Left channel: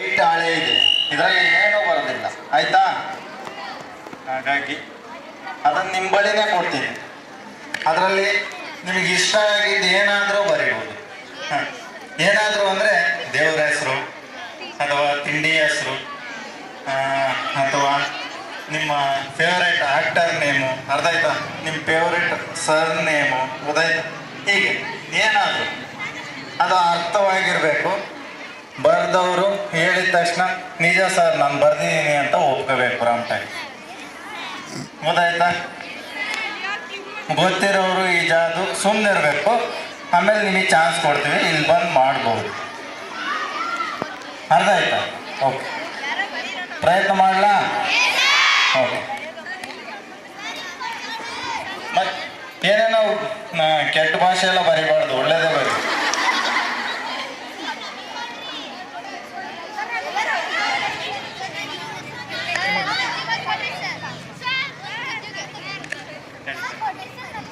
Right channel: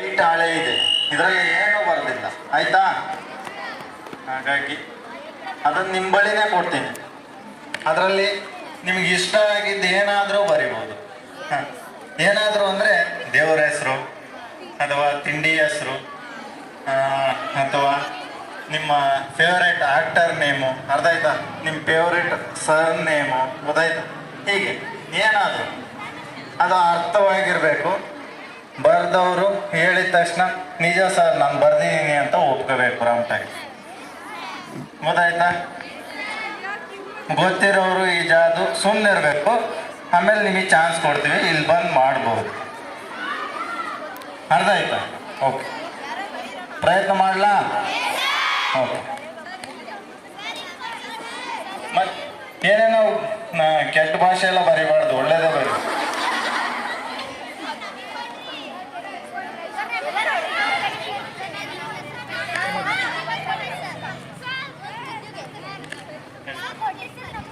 White ಹಳೆ ಇದೆ. ಇದರಲ್ಲಿ ಏನೂ ಬರೋದಿಲ್ಲ ಆಯ್ತಾ? ಹಾಗಾಗಿ ಅದನ್ನು ನಿಮ್ಮ ಬಳಿನೇ ಕೊಡ್ತೀನಿ. ಅದರಲ್ಲಿ ನಿಮಗೆ ಇಷ್ಟ ಆಗಿದ್ದು ಏನಾದರೂ ಬರಿಬೋದು. ಏನಾದರೂ ಅಂದರೆ ದೇವರ ಹೆಸರು, ಅಥವಾ ತಿಂಡಿ ಹೆಸರು ಅಥವಾ ನಿಮ್ಮ ಫೇವರೇಟ್ ಆಕ್ಟರ್ ನೇಮು ಅರ್ಧ ಆಯ್ತಾ ನಿಮ್ಮ ಫೇವರೇಟ್ ಸರ್ ನೇಮು ಗೊತ್ತಾಯ್ತಾ? ಹೀಗೆ. ಏನಾದರೂ. ಅದು ಅರ್ಥವಾಗಿರಬೇಕು. ಬರೆದವರು ಹೇಳಿದ ತಕ್ಷಣ, ನಿಜ ಸರ್, ನಾನು ಬರ್ದಿದ್ದೀನಿ ಅಂತ ಒಪ್ಕೋಬೇಕು ರಾಮ್ಟಾಗಿ ಗೊತ್ತಾಯ್ತಾ? ಗೊತ್ತಿರೋರು ಈ ಜಾದು ಸುಮ್ಮನೆ ಇರಬೇಕು. ಆಮೇಲೆ ನಿಮಗೆ ಚಾನ್ಸ್ ಕೊಡ್ತೀವಿ ಇಲ್ಲಿ ಬಂದು ಮಾಡ್ಬೋದು. ಅರ್ಧ ಆಯ್ತಾ? ಓಕೆ ಪ್ರಯತ್ನ ಮಾಡಲಾ? ಓಕೆ ಮತ್ತು ಏನೇನೋ ಕೆಟ್ಟ ಭಾಷೆ ಎಲ್ಲ ಬರಿಬಾರ್ದು.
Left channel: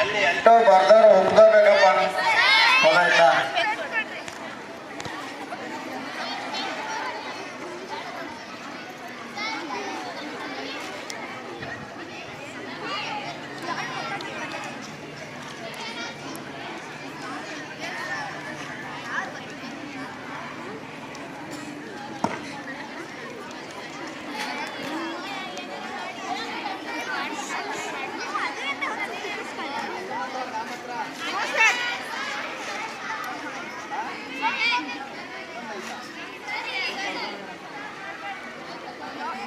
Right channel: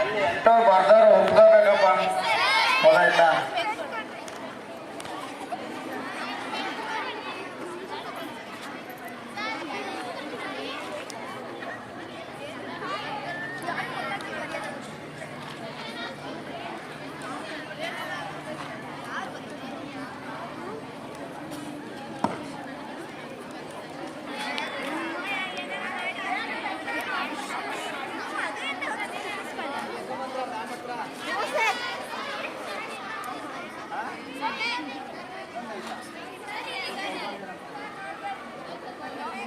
ಅಲ್ಲಿ ಎಷ್ಟೋ ಬರ್ದವ್ರು ಒಪ್ಕೋಬೇಕಪ್ಪ ಗೊತ್ತಾಯ್ತಾ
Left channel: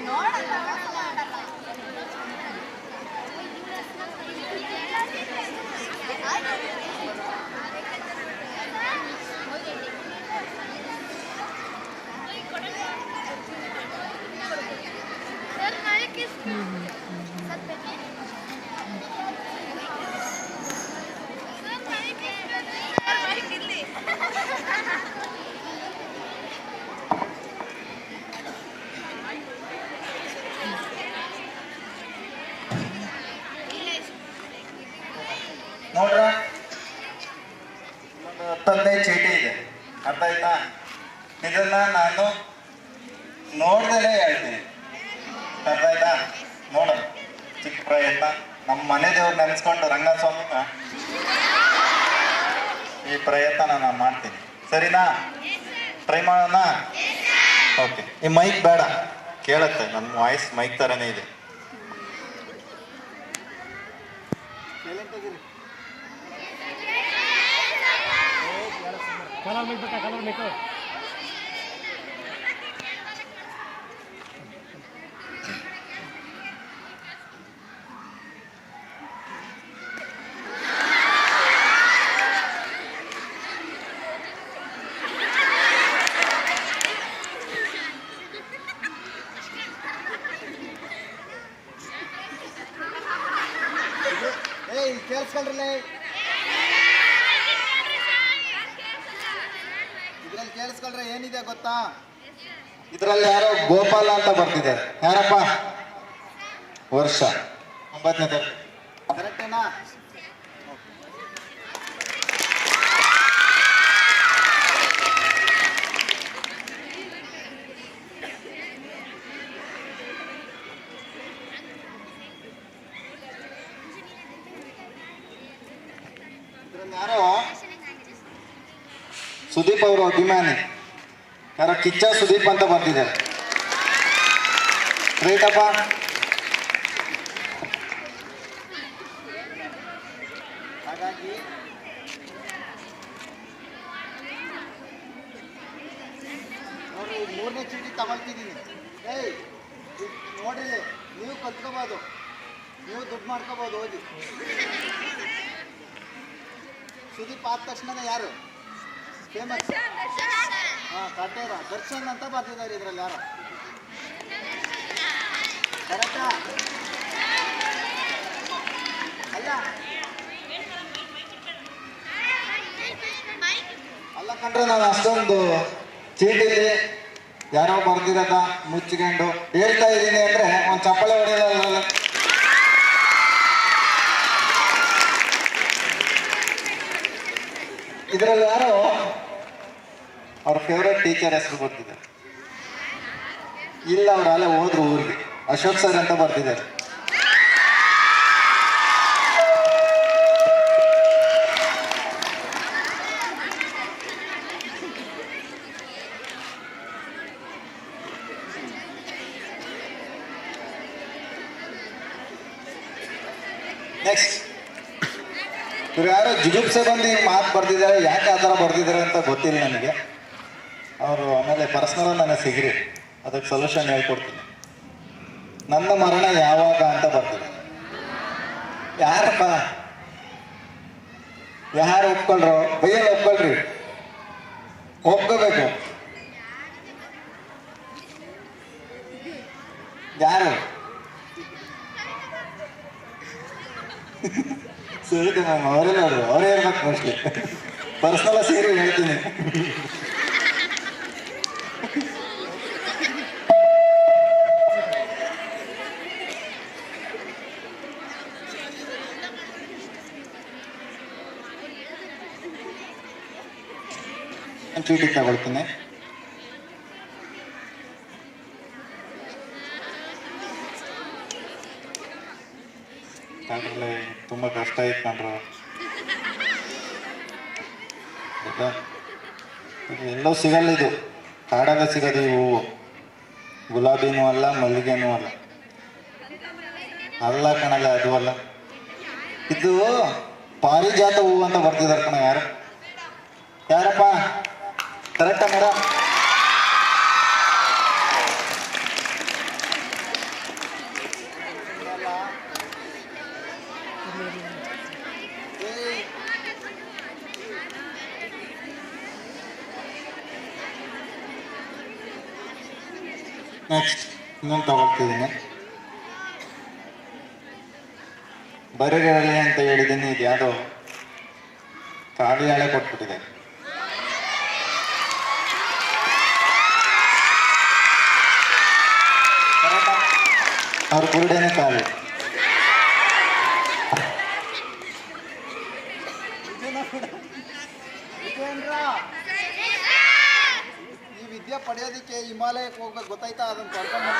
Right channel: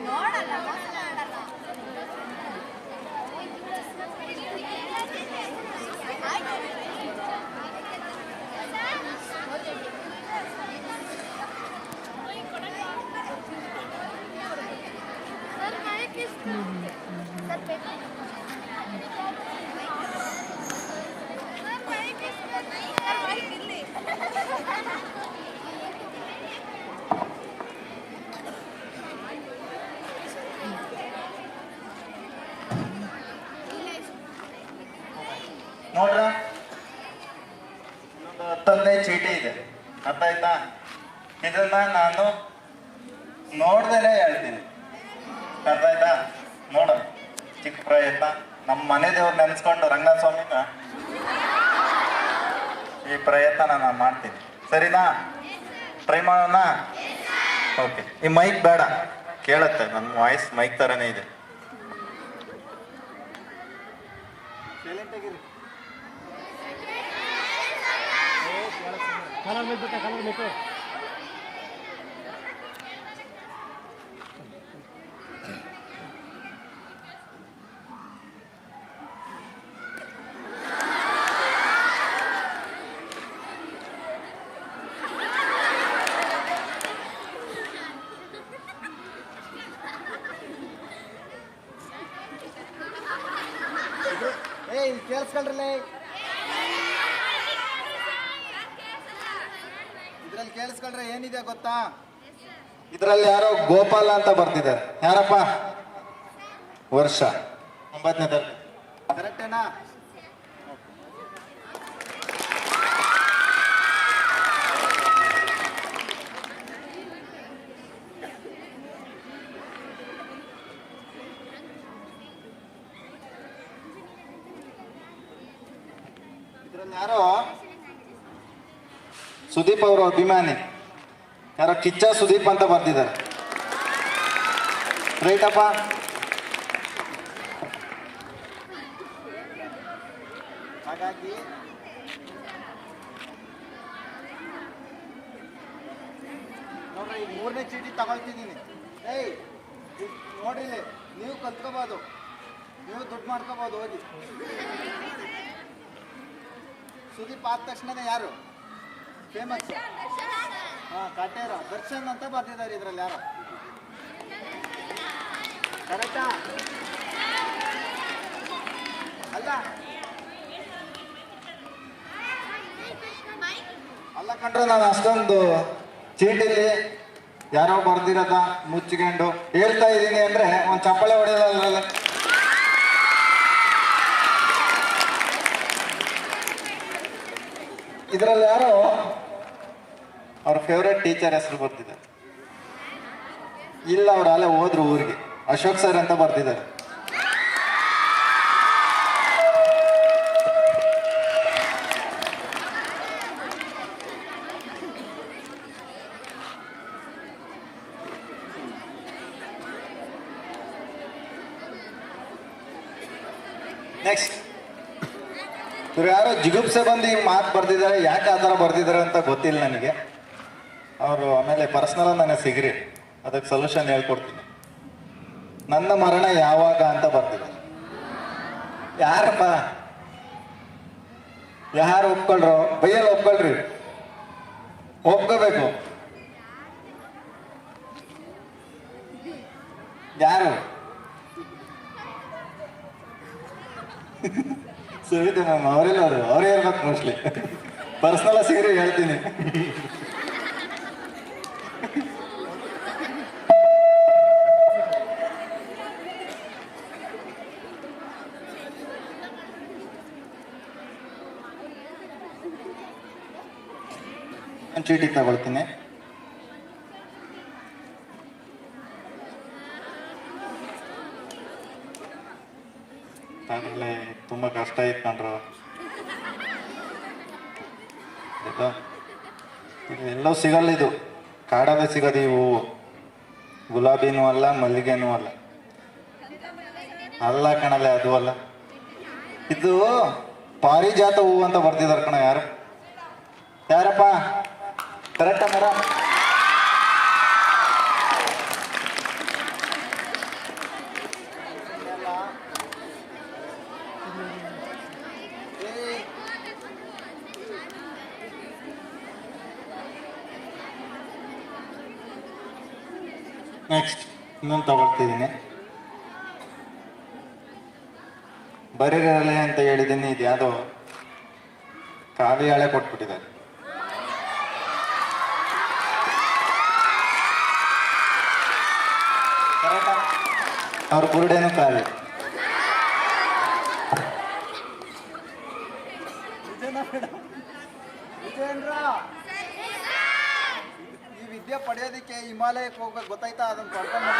ನೋಡಲ್ಲ ಮೋಸ ಮಾಡಲ್ಲ ನೋಡ್ರ? ಹತ್ತೊಂದೇ ಚೀಟಿ ಇದೆ. ಅರ್ಥ ಆಯ್ತಾ? ಇದನ್ನ ನಾನು ಆಯ್ತಾ ನೋಡ ಚಿಕ್ಕ ಪ್ರಯತ್ನ. ನಮ್ಮ ಮನೆ ದೇವ್ರು ನೆನೆಸ್ಕೊಂಡು ರಂಗನಾಥ ಸ್ವಾಮಿನ ಈ ಪ್ರಯತ್ನ ನಾನು ಮಾಡ್ತೀನಿ. ಸರಿನಾ? ಟ್ರೈ ಮಾಡೋಣ? ಓಕೆ ಈ ಮೈಕ್ ಬೇಡ. ಕೇಳತ್ತೆ ನನ್ನ ವಾಯ್ಸ್ ಮೈಕ್ ಥರನೇ ಇದೆ. ಕಲರ್ ಕೇಳಿಸ್ಕೊಳ್ರಲ್ಲ ಇದ್ರಲ್ಲಿ ಕೇಳಿಸ್ಕೊಂಡ್ರೆ ಏನಿದೆ ಗೊತ್ತಾ? ಇದ್ರಲ್ಲಿ ಯಾರೋ ಗೋಪಾಲ ಅಂತ ಬರ್ತಿದ್ದಾರೆ. ಯಾರಪ್ಪ? ವರ್ಷ. ಒಂಬತ್ತನೇ ತರಗತಿ ಕರೆಕ್ಟೇನಾ ಯಾರೋ ಸುದೀಪ್ ಅವರು ಅಭಿಮಾನಿ. ಯಾರೋ ಕಿಚ್ಚ ಸುದೀಪ್ ಅಂತ ಬರ್ತಿದ್ದಾರೆ ರೈತಪ್ಪ ಹಾಗಾಗಿ ನೋಡ್ರಿ ಈಗ ಮೂರನೇ ಚೀಟಿ ತಗೊಳ್ತಿದ್ದೀನಿ. ಏಯ್ ನೋಡ್ರಿ, ನೀವು ಕಲ್ತ್ಕೋಬೋದು. ನೀವು ದುಡ್ಡು ಮಾಡ್ಕೋಬೋದು, ಓದಿ. ಸುದೀಪ್ ಆದ ತಕ್ಷಣನೇ ಯಾರು? ಫೇಮಸ್ ಹಾಂ, ಕಟೇರ. ದರ್ಶನ್ ಅಂತ ಬರ್ತಿದ್ದಾರೆ ಇದರಲ್ಲಿ ಯಾರು? ಕರೆಕ್ಟಾ? ಅಲ್ಲ. ಅಲ್ಲ ಕಂಡ್ರೆ ನಾನು ಅಷ್ಟೊಂದು ಚೀಟಿಲಿ ಯಾರೋ ಬರ್ದಿರೋದ ಮುಚ್ಚಿಕೊಂಡು ಹೇಳ್ತಾ ಇದ್ದೀನಿ ಅಂದರೆ ಒಂದು ಚಪ್ಪಳೆ ಹೊಡೆಯಲ್ಲ ಇದರಲ್ಲಿ ಯಾರೋ ಅವ್ರ ಫೇವ್ರೆಟ್ ಟೀಚರ್ ಹೆಸರು ಬರ್ತಿದ್ದಾರೆ ಇಲ್ಲ, ಅವ್ರು ಅಲ್ಲೇ ಹೋದ್ರು ಊರಿಗೆ. ಅಶೋಕ್ ಸರ್ ಅಂತ ಬರ್ತಿದ್ದಾರೆ ನೆಕ್ಸ್ಟ್ ಇವ್ರು ಯಾರೋ ಜಿಗುಪ್ಸೆ ಬಂದು ಹಿಂಗೆ ಮಾತು ಬರ್ದಿದ್ದಾರೆ, ಯಾಕೆ ಆ ಥರ ಬರ್ದಿದ್ದಾರೆ ಅಂತ ಗೊತ್ತಿಲ್ಲ ನನಗೆ. ಅವರು ಆಮೇಲೆ ಪರ್ಸ್ನಲ್ ನನಗೆ ಸಿಗ್ರಿ. ಅದಕ್ಕೆ ಸೊಲ್ಯೂಷನ್ ಹೇಳ್ಕೊಡ್ತೀನಿ. ನನ್ನ ಮರಣ ಯಾವಾಗ ಅಂತ ಬರ್ತಿದೆ ಯಾರಪ್ಪ? ಯಾರು ಒಪ್ಕೊಳ್ರೋ? ಬೈಯಲ್ಲಿ ಒಪ್ಕೊಳ್ರಿ. ಒಪ್ಕೋಬೇಕು. ಯಾರು? ಸರಿ ಮ್ಯಾಮ್ ಅವರೇ ನೋಡು ಅವರೇ ಹೇಳ್ಬೇಕು ಮೋಸ್ಟ್ಲಿ ಸೇರಿ ಹೇಳ್ತೀನಿ. ಚೀಟಿ ತಗೊಳ್ತೀನಿ. ಅದ್ರಲ್ಲಿ ತುಂಬ ಕಷ್ಟ ಇತ್ತು ಕಣ್ರು? ಇದು ಎಲ್ಲೋ ಸಿಗಲ್ಲ ಇದು. ಕಾಡಲ್ಲೇ ಸಿಗೋದು ಈ ಹೂವು. ಗುಲಾಬಿನೂ ಅಲ್ಲ, ಮಲ್ಲಿಗೆನೂ ಅಲ್ಲ. ಅಲ್ಲ ಕಣಲೆ, ಅದು ಅಲ್ಲ. ಇದು ಪಾರಿಜಾತ ಹೂವು ಅಂತ ಬರ್ತಿದಾರೆ ಕಣ ಯಾರು? ಯಾರಪ್ಪ? ಕರೆಕ್ಟ್ ಮೇಡಮ್ ನೆಕ್ಸ್ಟ್ ಇನ್ನೊಂದು ತಗೊಳ್ತಿದ್ದೀನಿ. ಬರೀರಲೆ ಅಂತ ಹೇಳಿದ್ದೀನಿ ಇದು ಯಾವುದೋ ಖಾಲಿ ಹಳೆ ಕೊಟ್ಬಿಟ್ಟಿದ್ದಾರೆ ಅವ್ರ ಕುರುಡೇನು ಖಾಲಿ ವಿದ್ಯೆ ಪಡೆಯೋದಕ್ಕೆ ಹಿಮಾಲಯಕ್ಕೆ ಹೋಗ್ಬೇಕು ಗೊತ್ತಾಯ್ತಾ? ಅದನ್ನು ಕರ್ಕೊಂಡು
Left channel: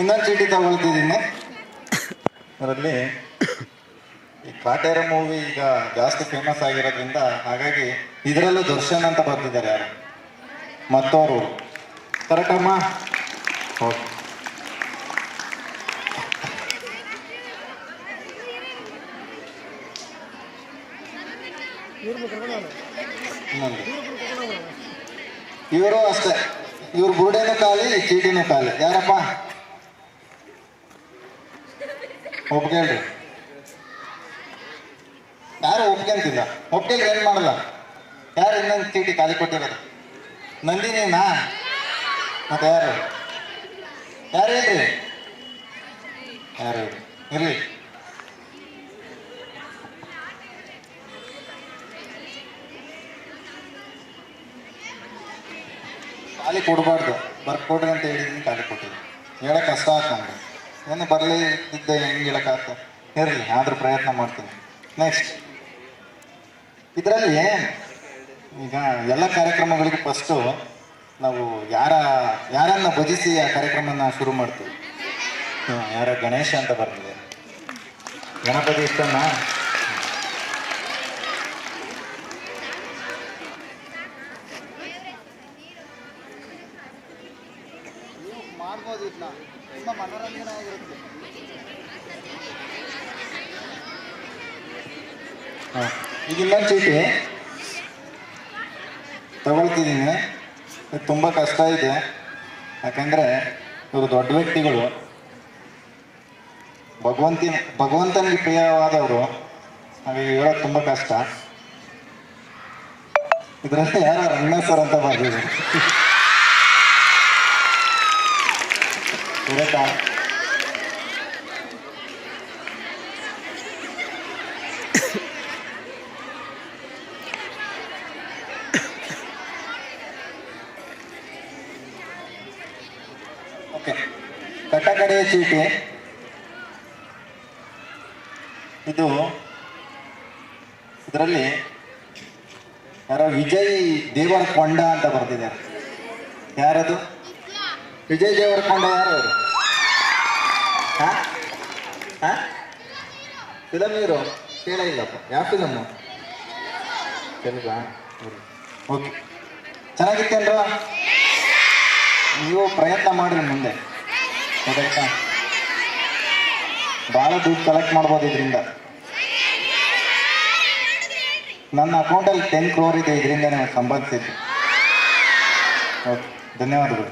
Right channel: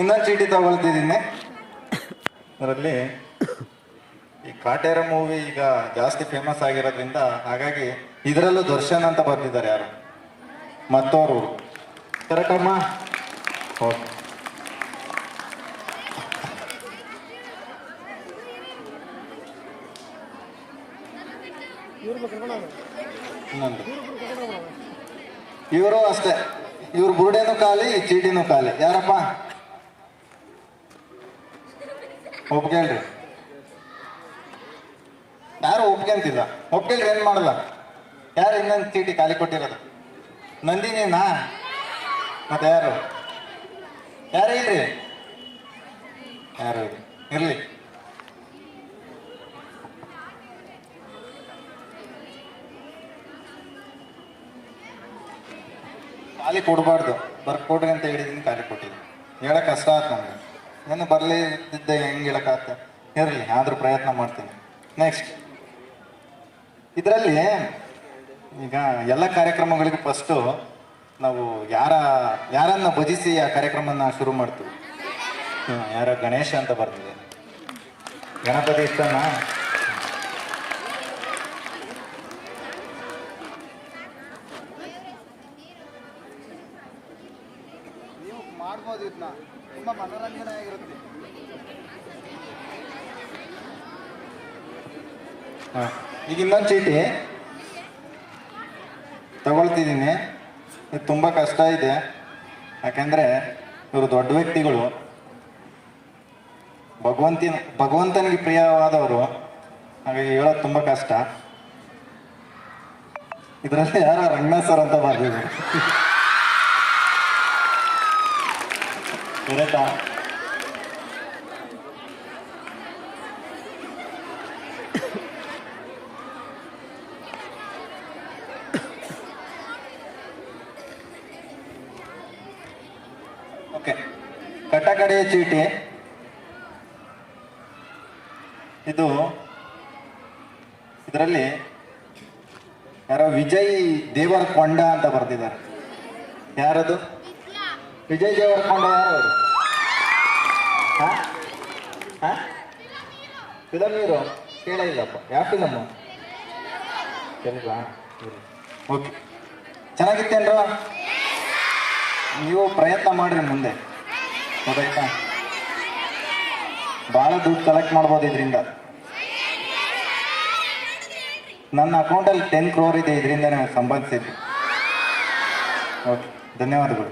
ಇನ್ನೊಂದು ಚೀಟಿ ತಗೊಳ್ತಿದ್ದೀನಿ. ಅದರಲ್ಲಿ ಈ ಕಾಟೇರ ಮೂವಿ ಈಗ ಜಾಸ್ತಿ ಫೇಮಸ್ ಆಗಿರೋದ್ರಿಂದ ಹಾಗಾಗಿ ಇದರಲ್ಲೂ ದರ್ಶನ್ ಅಂತ ಬರ್ತಿದ್ದಾರೆ ಯಾರು? ಮತ್ತೋರು. ಕರೆಕ್ಟಮ್ಮ ಓಕೆ ಇವರು ಅಷ್ಟೇ. ಇವ್ರ ಬುರುಡೆನೂ ಖಾಲಿ ಚೀಟಿನೂ ಖಾಲಿ. ಯಾರಪ್ಪ? ಒಪ್ಕೇಳ್ರಿ ಯಾರು ಒಪ್ಕೊಂತಿಲ್ಲ ಒಪ್ಕೇಳ್ರಿ ಏನ್ ಮಾಡಲ್ಲ? ಯಾರು ಇನ್ನೊಂದು ಚೀಟಿ ಖಾಲಿ ಕೊಟ್ಟಿರೋದು? ನಂದಿನಿನಾ? ಮತ್ತೆ ಯಾರು? ಯಾರು ಹೇಳ್ರಿ? ಯಾರು ಇಲ್ರಿ. ಇರ್ಲಿ. ಖಾಲಿ ಕೊಡಬಾರ್ದು. ಬರ್ಕೊಡ್ರಿ ಅಂತ ಹೇಳಿದ್ದೀನಿ, ಖಾಲಿ ಕೊಟ್ಟಿದ್ದೆ ಹೇಳಕ್ಕೆ ಕಷ್ಟ ಆಯ್ತು ನನಗೆ ಏನು ಬರಲಿ ಇದ್ದೆ ಹೆಂಗೆ ಹೇಳಕ್ಕಾಗ್ತ ಇರಲಿ, ಆದರೂ ಪ್ರಯತ್ನ ಮಾಡ್ತೀನಿ. ನೆಕ್ಸ್ಟ್ ಇದರಲ್ಲಿ ಈಗ ಎಲ್ಲ ಕಾರ್ಯಕ್ರಮಗಳಿಗೂ ಫಸ್ಟು ನಾವು ಯಾರ, ಯಾರನ್ನು ಭಜಿಸಿ ಆ ಕಾರ್ಯಕ್ರಮನ ಶುರು ಮಾಡ್ತೀವಿ. ಯಾರ ಗಣೇಶ ಅಂತ ಬರ್ತಿದೆ ಗಣಪತಿ ಇಷ್ಟನಾ ನೀವು ಮಾಡ್ಬೋದು ಇದನ್ನ ತುಂಬ ಮನೋರಂಜನೆ ಆಗಿರುತ್ತೆ ಹಾಂ ಈಗ ಇನ್ನೊಂದು ಚೀಟಿ. ತಗೊಳ್ತಿದ್ದೀನಿ. ಇದು ತುಂಬ ಕಷ್ಟ ಇದೆ. ಯಾಕೆಂದರೆ ಇವರು ದೊಡ್ಡ ವ್ಯಕ್ತಿಗಳು. ಭಗವಂತಿನ ಭಗವಂತನಿಗೆ ಪ್ರಿಯವಾದವರು. ಹಾಗಾಗಿ ಹೇಳೋದು ತುಂಬ ಕಷ್ಟ. ಇದರಲ್ಲಿ ಯಾರೋ ರಂಗನಾಥ್ ಸರ್ ಅಂತ ಬರ್ತಿದ್ರು ಕರೆಕ್ಟಾ ಓಕೆ ಕಟ್ಟಕಡೆಯ ಚೀಟಿ. ಇದು ಇದರಲ್ಲಿ ಯಾರೋ ವಿಜಯ್ ದೇವರಕೊಂಡ ಅಂತ ಬರ್ತಿದ್ದಾರೆ ಯಾರದು? ವಿಜಯ್ ದೇವರಕೊಂಡ ಯಾರು ಅವರು? ಫಿಲಮ್ ಹೀರೋ ಕೇಳೇ ಇಲ್ಲಪ್ಪ ಯಾವ ಫಿಲಮ್ ಓಕೆ. ಚೆನ್ನಾಗಿತ್ತೇನ್ರ ನೀವು ಪ್ರಯತ್ನ ಮಾಡ್ರಿ ಮುಂದೆ. ಗೊತ್ತಾಯ್ತಾ? ಭಾಳ ದುಡ್ಡು ಕಲೆಕ್ಟ್ ಮಾಡ್ಬೋದು ಇದರಿಂದ. ನನ್ನ ಅಕೌಂಟಲ್ಲಿ ಟೆನ್ ಕ್ರೋರ್ ಇದೆ ಇದರಿಂದ ಸಂಪಾದಿಸಿದ್ದು ಓಕೆ. ಧನ್ಯವಾದಗಳು.